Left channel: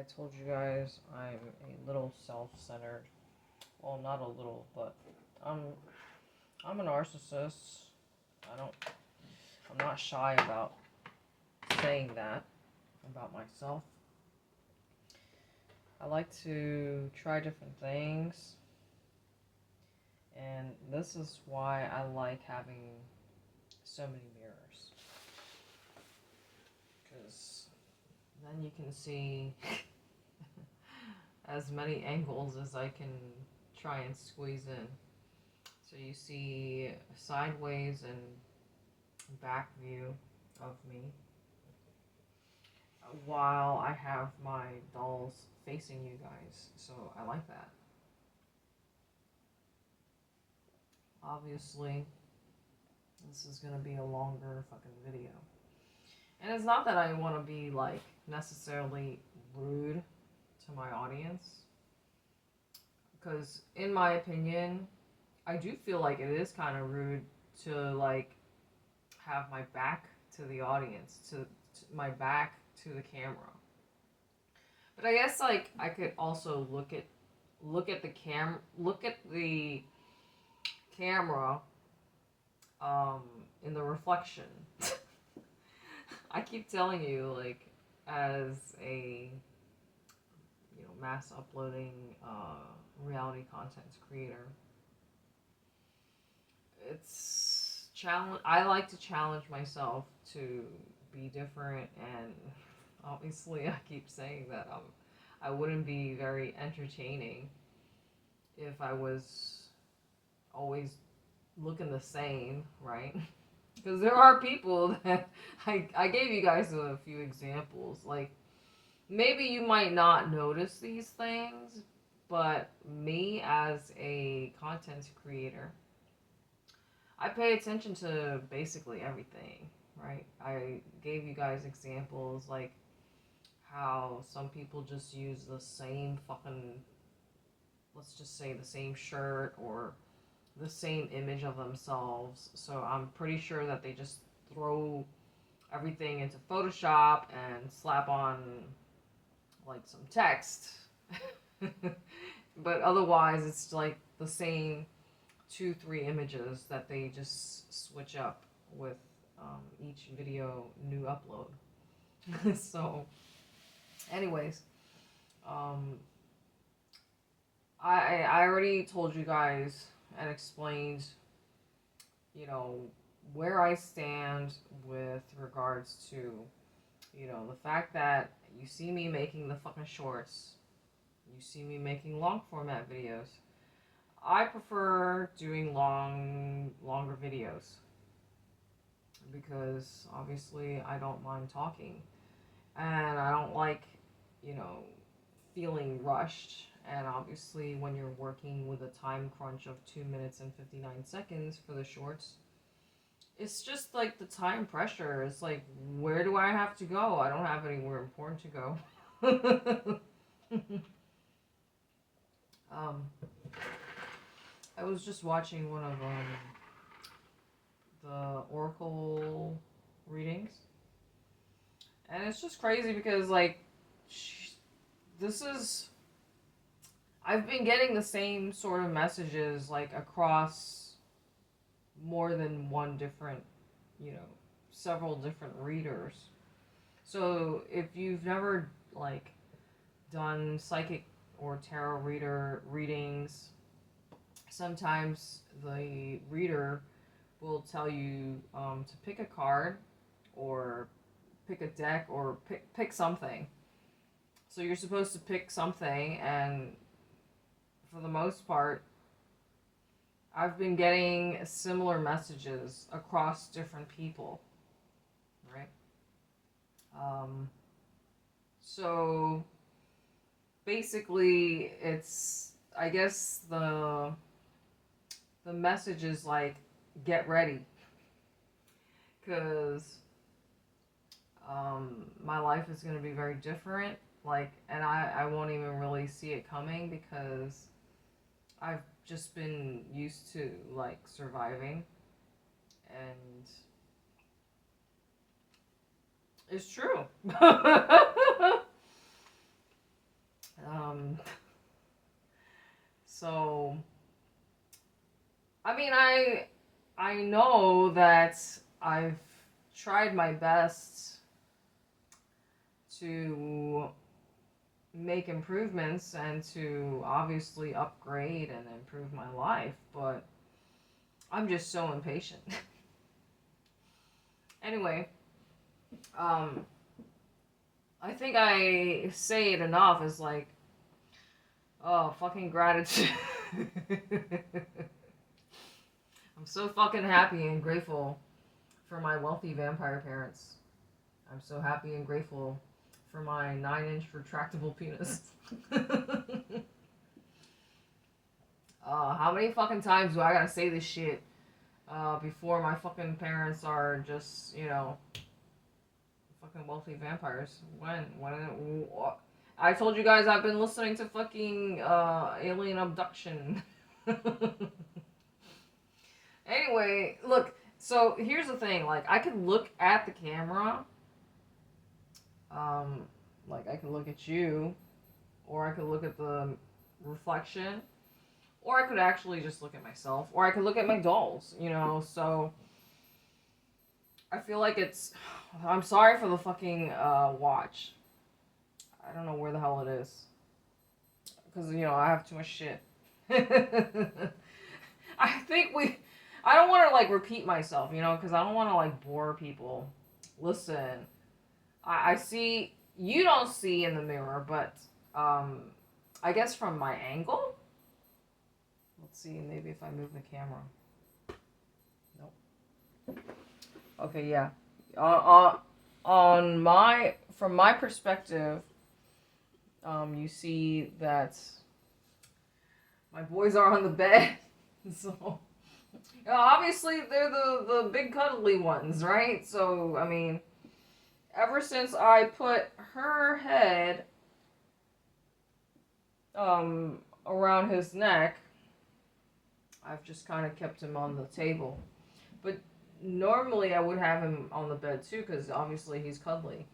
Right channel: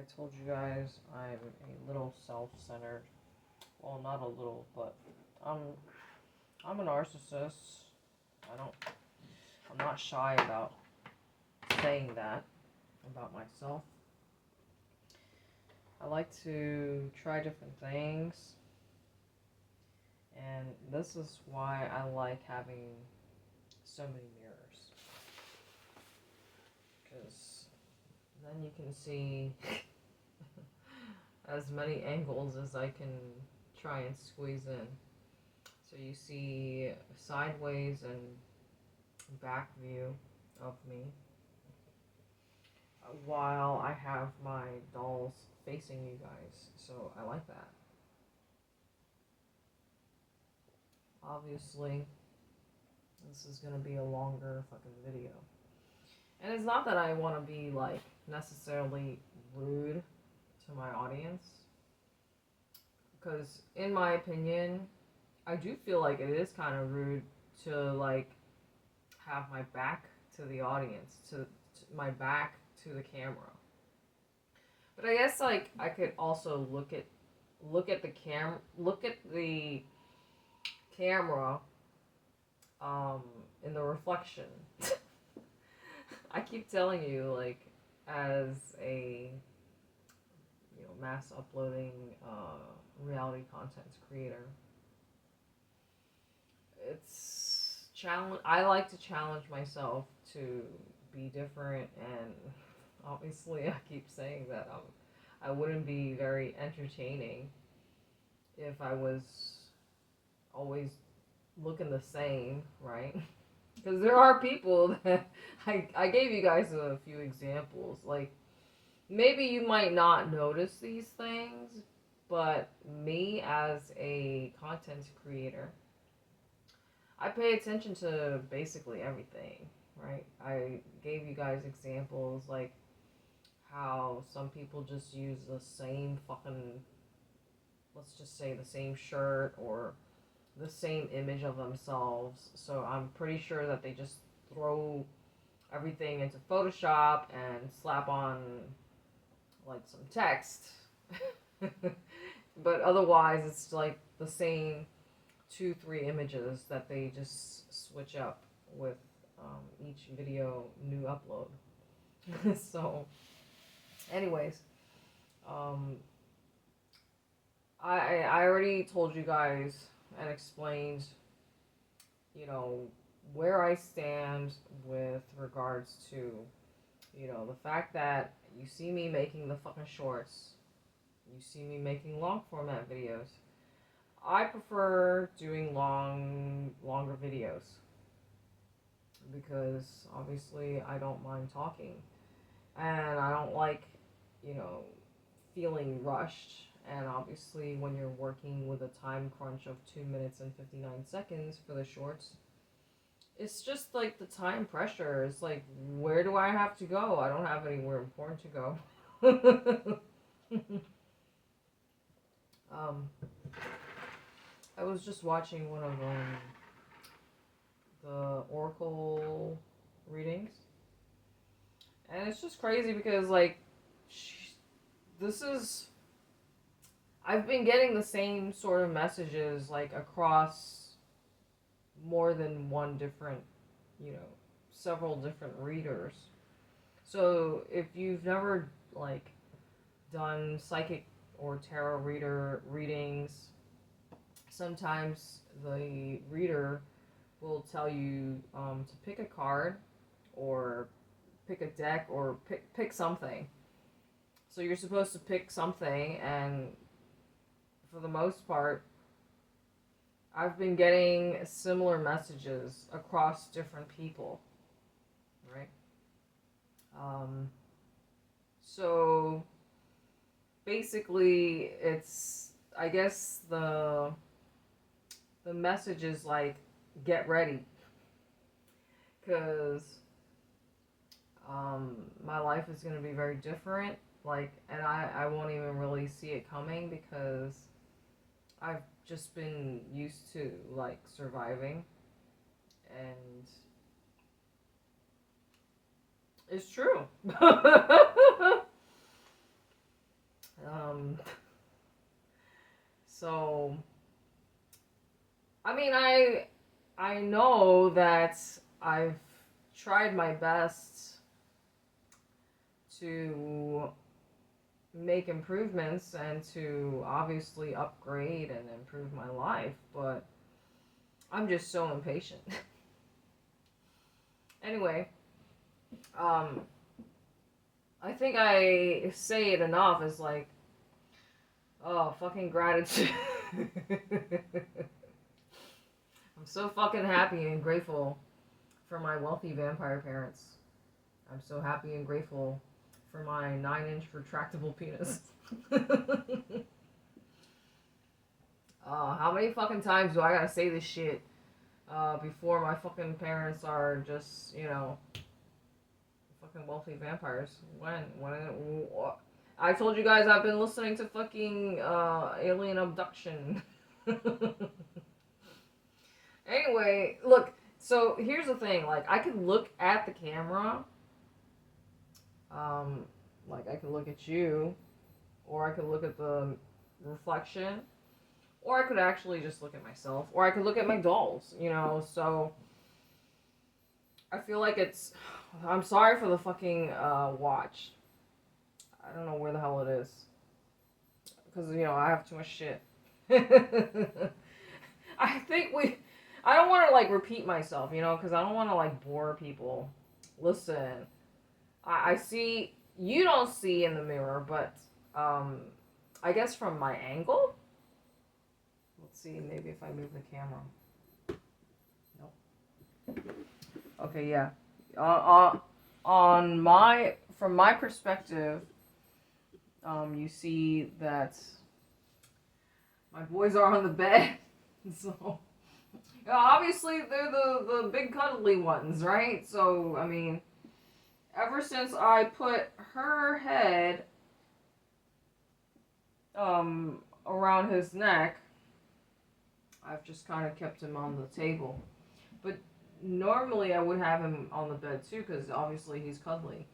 I told you guys I'm a little self-centered. Well, not a little, but I'm I'm a narcissist. I don't I'm not shy about saying that about myself. I like to try different things, and this is why I like having so many mirrors. Because then you can see as many angles as I can try and squeeze in. So you see sideways and back view of me while I have my dolls facing you guys. So I like that. Obviously, this is going to be a longer fucking video. And it's not that I want to be like necessarily rude to my audience. Because in my opinion, I do feel like it is kind of rude to like have my back to the audience, to my back to the camera. But I guess like I could also look at the camera in the reflection. I keep telling you, like, as a mass uploading reality content creator, it's challenge. I like to challenge myself to be different, and obviously, I keep saying that I wouldn't be very entertaining if I was always looking the same, right? Because there are people that I gave you guys a few examples. Like, maybe you might not notice these things, but me as a content creator, I pay attention to basically everything, right? I gave you guys examples like how some people just use the same fucking, let's just say the same shirt or the same image of themselves. So I'm pretty sure that they just throw everything into Photoshop and slap on like some text. But otherwise it's like the same 2-3 images that they just switch up with each video new upload. So anyways, I already told you guys and explained, where I stand with regards to, the fact that you see me making the fucking shorts, you see me making long format videos. I prefer doing longer videos because obviously I don't mind talking, and I don't like, feeling rushed. And obviously when you're working with a time crunch of 2 minutes and 59 seconds for the shorts, it's just like the time pressure. It's like, where do I have to go? I don't have anywhere important to go. I was just watching one of the oracle readings, and it's just crazy because like this is I've been getting the same sort of messages like across more than one different, several different readers. So if you've never like done psychic or tarot readings, sometimes the reader will tell you to pick a card or pick a deck or pick something. So you're supposed to pick something, and for the most part, I've been getting similar messages across different people, right? So basically, it's, I guess the message is like, get ready, because my life is going to be very different. Like, and I won't even really see it coming because I've just been used to like surviving, and it's true. mean, I know that I've tried my best to make improvements and to obviously upgrade and improve my life, but I'm just so impatient. Anyway, I think I say it enough as like, oh, fucking gratitude. I'm so fucking happy and grateful for my wealthy vampire parents. I'm so happy and grateful for my 9-inch retractable penis. How many fucking times do I gotta say this shit before my fucking parents are just, fucking wealthy vampires? When? I told you guys I've been listening to fucking alien abduction. Anyway, look, so here's the thing, like, I could look at the camera, like, I could look at you, or I could look at the reflection, or I could actually just look at myself, or I could look at my dolls, so I feel like I'm sorry for the fucking watch. I don't know where the hell it is, because, I have too much shit. I don't want to, like, repeat myself, because I don't want to, like, bore people. Listen, I see, you don't see in the mirror, but, I guess from my angle? Let's see, maybe if I move the camera. Nope. Okay, yeah. From my perspective, you see that my boys are on the bed, so... obviously, they're the big cuddly ones, right? So, I mean, ever since I put her head around his neck, I've just kind of kept him on the table. But normally I would have him on the bed too, because obviously he's cuddly.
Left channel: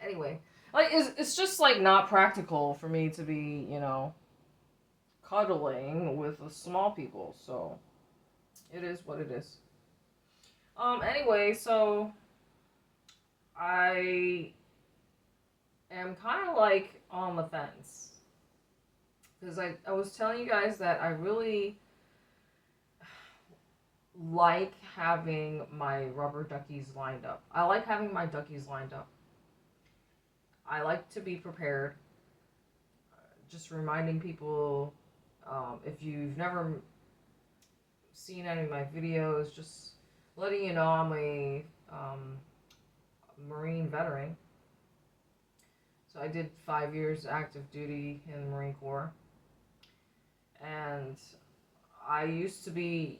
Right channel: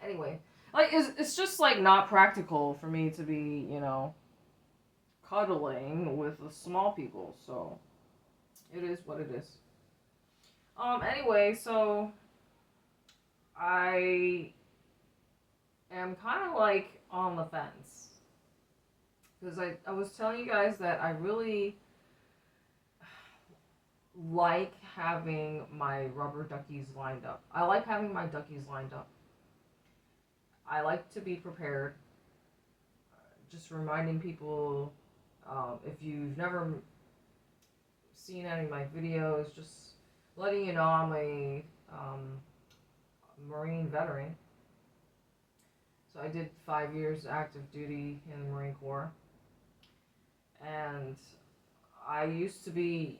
Anyway, like, it's just, like, not practical for me to be, cuddling with the small people, so it is what it is. Anyway, so I am kind of, like, on the fence, because I was telling you guys that I really like having my rubber duckies lined up. I like having my duckies lined up. I like to be prepared. Just reminding people, if you've never seen any of my videos, just letting you know I'm a Marine veteran. So I did 5 years active duty in the Marine Corps. And I used to be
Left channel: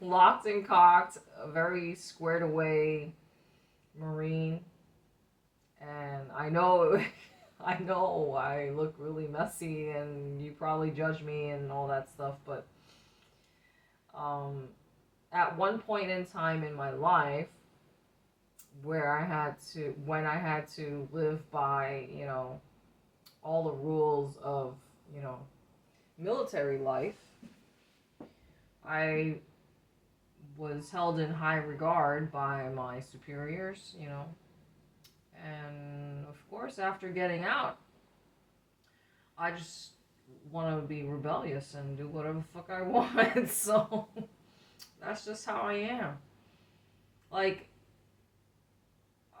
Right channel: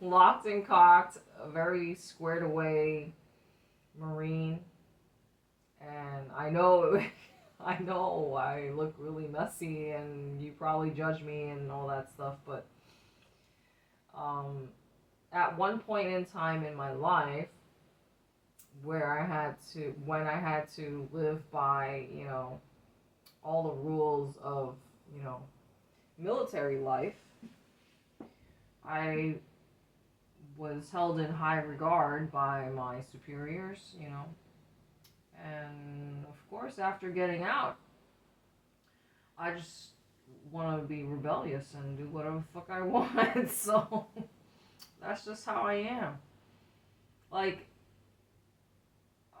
locked and cocked, a very squared away Marine. And I know I look really messy and you probably judge me and all that stuff, but at one point in time in my life when I had to live by, all the rules of, military life, I was held in high regard by my superiors, and of course after getting out, I just want to be rebellious and do whatever the fuck I want. So that's just how I am. Like,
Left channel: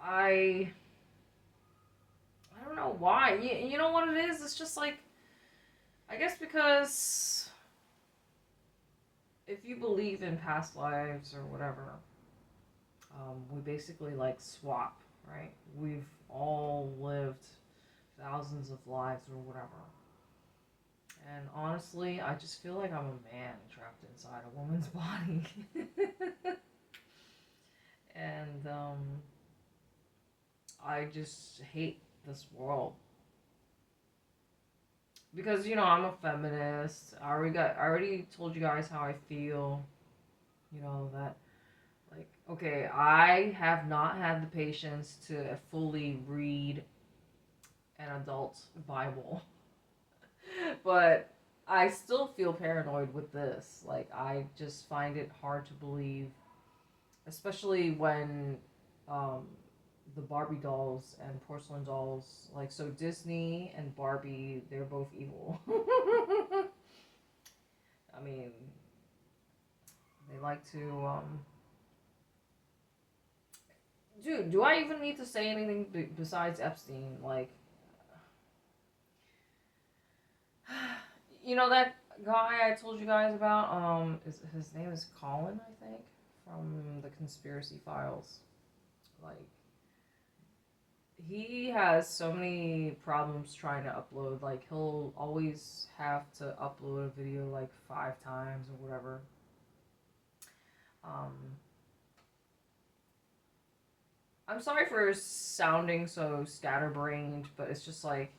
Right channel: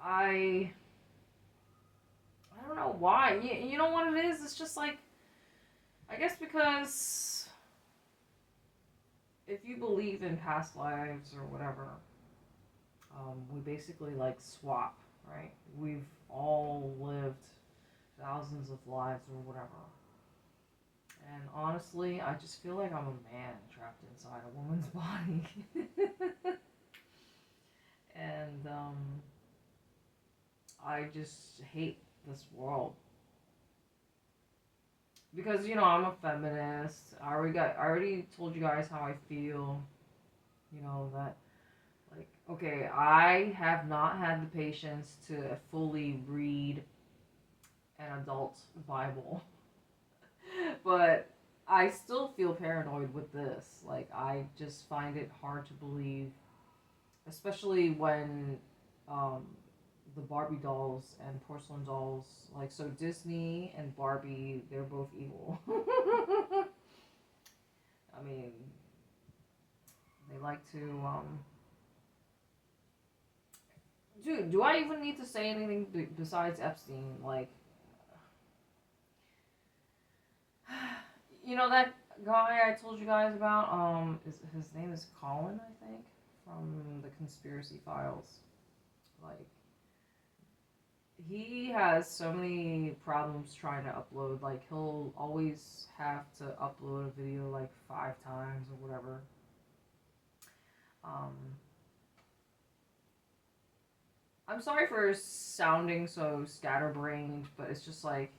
I don't know why. You know what it is? It's just like, I guess because if you believe in past lives or whatever, we basically, like, swap, right? We've all lived thousands of lives or whatever. And honestly, I just feel like I'm a man trapped inside a woman's body. And I just hate this world. Because, I'm a feminist. I already told you guys how I feel. That, like, okay, I have not had the patience to fully read an adult Bible. But I still feel paranoid with this. Like, I just find it hard to believe, especially when um, the Barbie dolls and porcelain dolls, like, so Disney and Barbie, they're both evil. I mean, they like to, dude, do I even need to say anything besides Epstein? Like, you know that guy I told you guys about? His name is Colin, I think, from the Conspiracy Files. Like, he has so many problems trying to upload. Like, he'll always have to upload a video like 5 times or whatever. Um, I'm sorry for sounding so scatterbrained, but it's just like,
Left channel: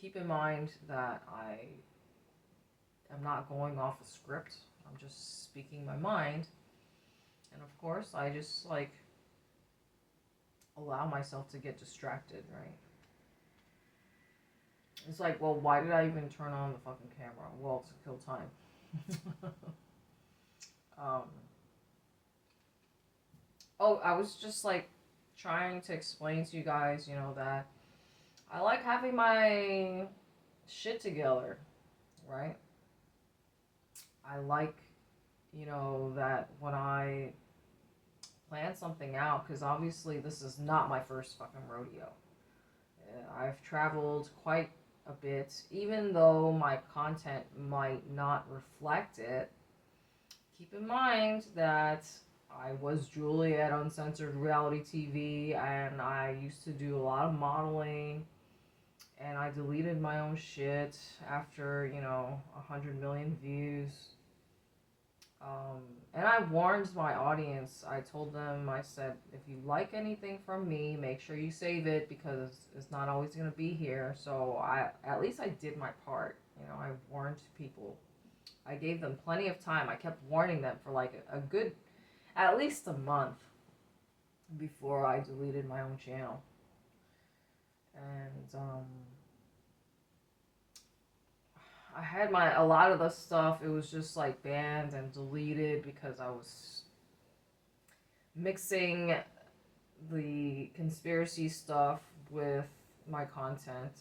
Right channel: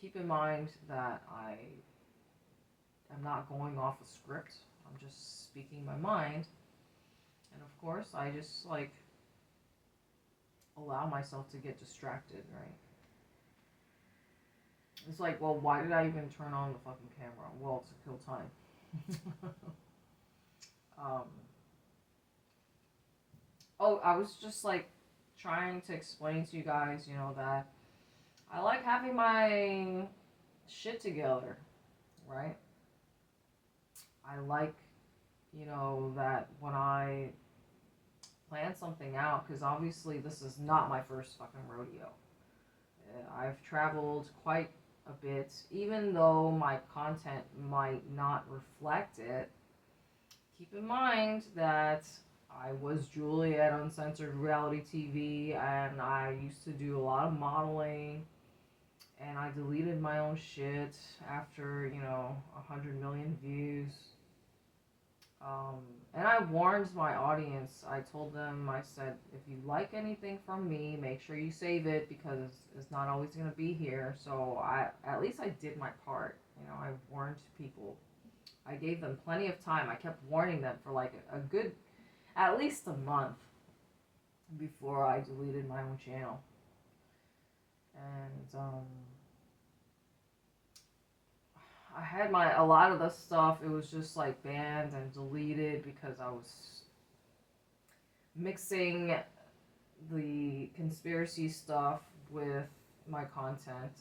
keep in mind that I am not going off a script. I'm just speaking my mind. And of course, I just like allow myself to get distracted, right? It's like, well, why did I even turn on the fucking camera? Well, to kill time. um, oh, I was just like trying to explain to you guys, that I like having my shit together, right? I like, that when I plan something out, because obviously this is not my first fucking rodeo. I've traveled quite a bit, even though my content might not reflect it. Keep in mind that I was Julie at Uncensored Reality TV, and I used to do a lot of modeling, and I deleted my own shit after, 100 million views. Um, and I warned my audience. I told them, I said, if you like anything from me, make sure you save it because it's not always going to be here. So at least I did my part. I warned people. I gave them plenty of time. I kept warning them for like a good, at least a month before I deleted my own channel. And, I had a lot of the stuff, it was just like banned and deleted because I was mixing the conspiracy stuff with my content,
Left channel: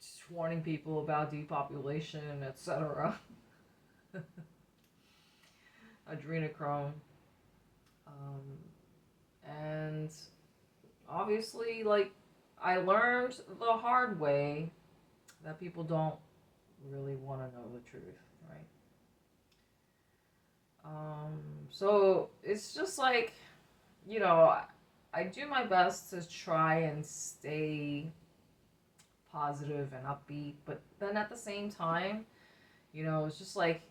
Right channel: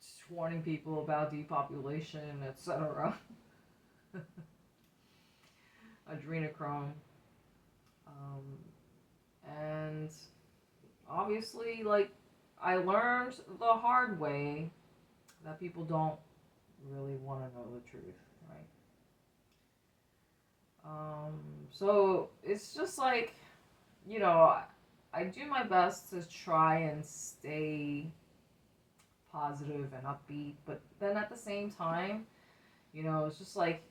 just warning people about depopulation, etc. Adrenochrome. And obviously, like, I learned the hard way that people don't really want to know the truth, right? So it's just like, I do my best to try and stay positive and upbeat, but then at the same time, it's just like,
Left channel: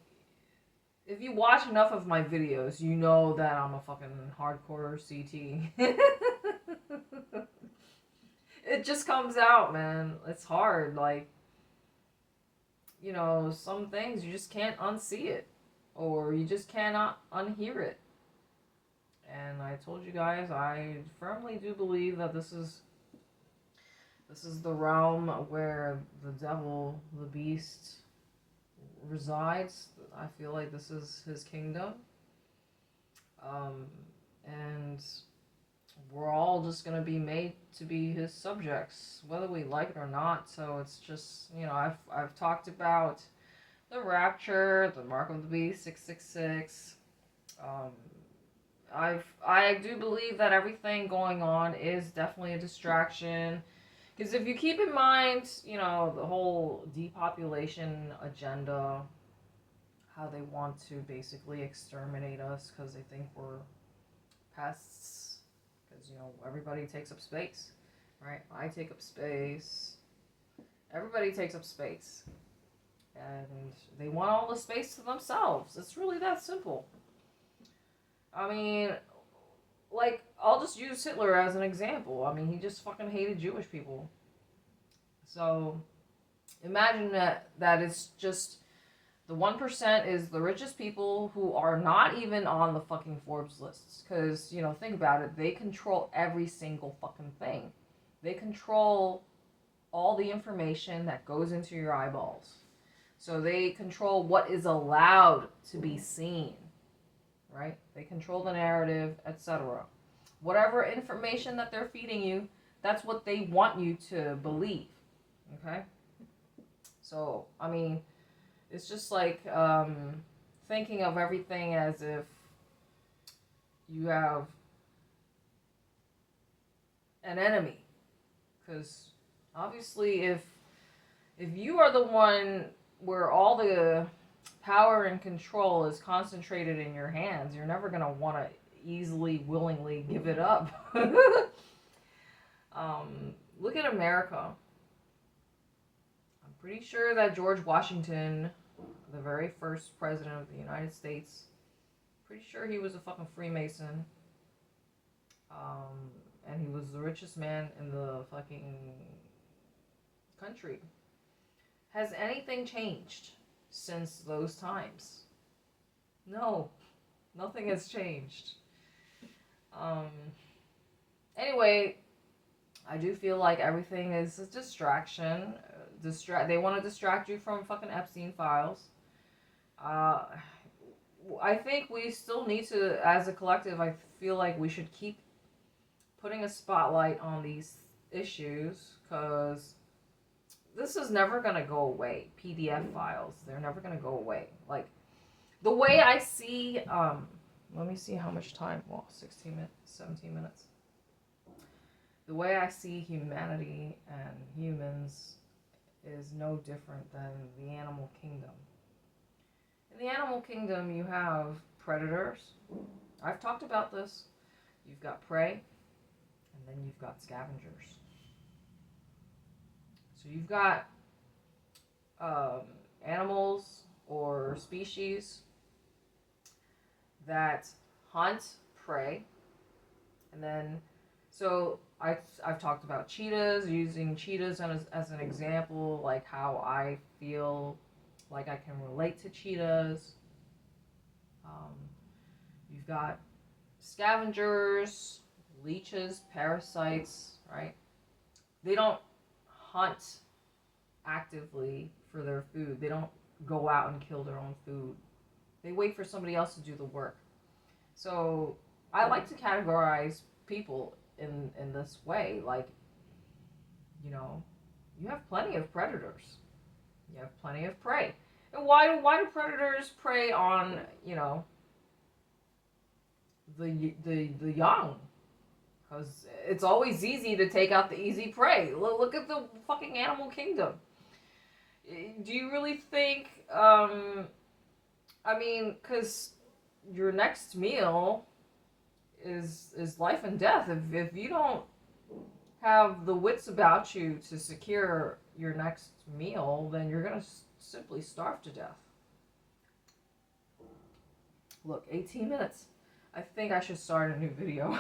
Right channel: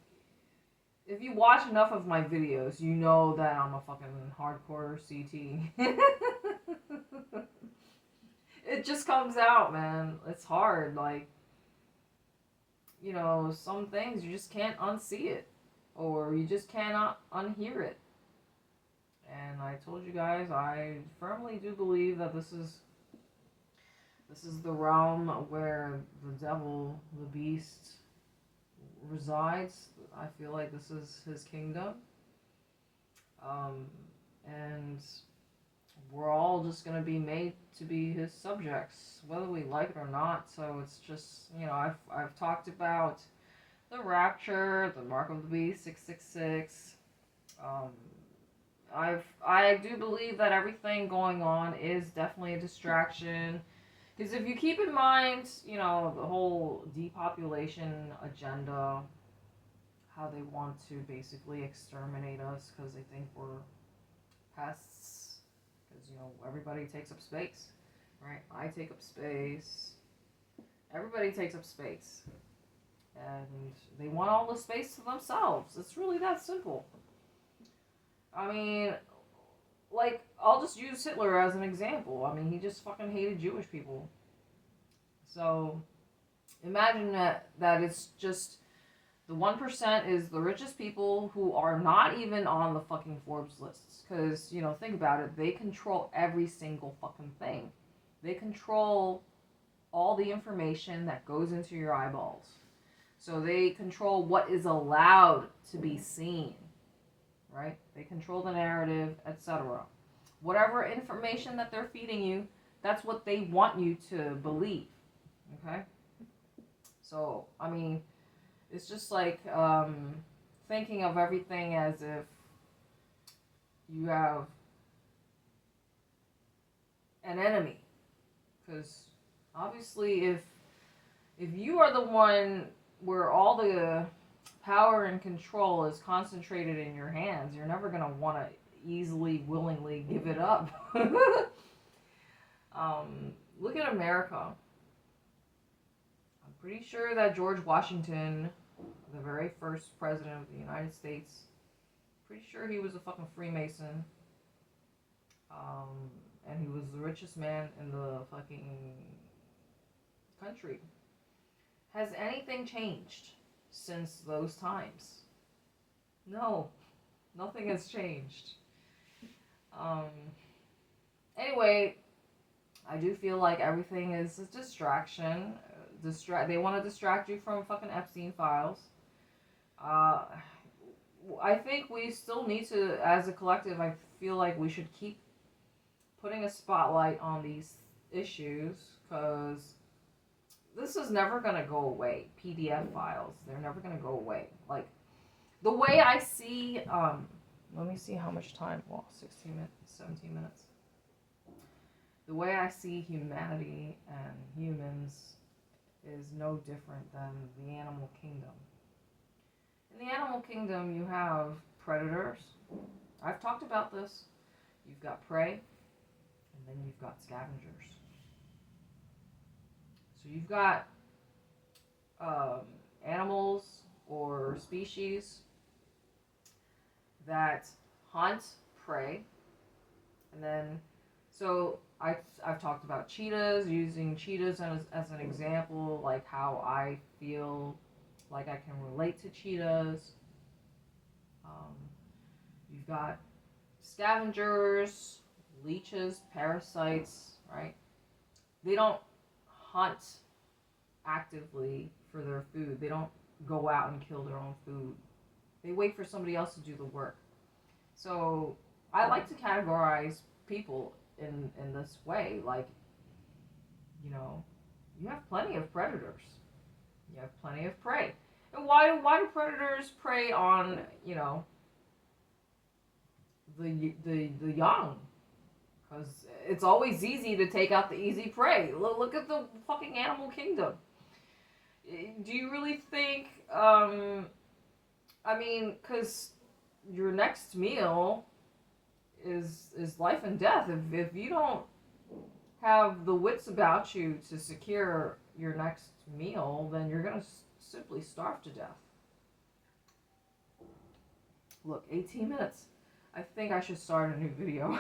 if you watch enough of my videos, you know that I'm a fucking hardcore CT. It just comes out, man. It's hard. Like, some things you just can't unsee it, or you just cannot unhear it. And I told you guys, I firmly do believe that this is the realm where the devil, the beast, resides. I feel like this is his kingdom. And we're all just going to be made to be his subjects, whether we like it or not. So it's just, I've talked about the rapture, the mark of the beast, 666. I do believe that everything going on is definitely a distraction. Because if you keep in mind, the whole depopulation agenda, how they want to basically exterminate us because they think we're pests. Because, everybody takes up space, right? I take up space. Everybody takes up space. And they want all the space to themselves. It's really that simple. I mean, like, I'll just use Hitler as an example. I mean, he just fucking hated Jewish people. So, imagine that it's just the 1% is the richest people who are not even on the fucking Forbes lists. Because, think about it. They control every single fucking thing. They control all the information that goes into your eyeballs. So they control what is allowed to be seen, right? They control the narrative, etc. Whatever information that they're feeding you, that's what they want you to believe, okay? So, I mean, it's just like thinking of everything as if you have an enemy. Because obviously, if you are the one where all the power and control is concentrated in your hands, you're never going to want to easily, willingly give it up. Look at America. I'm pretty sure that George Washington, the very first president of the United States, pretty sure he was a fucking Freemason. And he was the richest man in the fucking country. Has anything changed since those times? No, nothing has changed. Anyway, I do feel like everything is a distraction. They want to distract you from fucking Epstein files. I think we still need to, as a collective, I feel like we should keep putting a spotlight on these issues, because this is never going to go away. PDF files, they're never going to go away. Like, the way I see, let me see how much time, well, 16 minutes, 17 minutes. The way I see humanity and humans is no different than the animal kingdom. In the animal kingdom, you have predators. I've talked about this. You've got prey, and then you've got scavengers. So you've got animals or species that hunt prey, and then, so I've talked about cheetahs, using cheetahs as an example, like how I feel like I can relate to cheetahs. You've got scavengers, leeches, parasites, right? They don't hunt actively for their food. They don't go out and kill their own food. They wait for somebody else to do the work. So I like to categorize people in this way. Like, you know, you have plenty of predators. You have plenty of prey. And why do predators prey on, you know, the young? Because it's always easy to take out the easy prey. Look at the fucking animal kingdom. Do you really think, I mean, because your next meal is life and death. If you don't have the wits about you to secure your next meal, then you're going to simply starve to death. Look, 18 minutes. I think I should start a new video.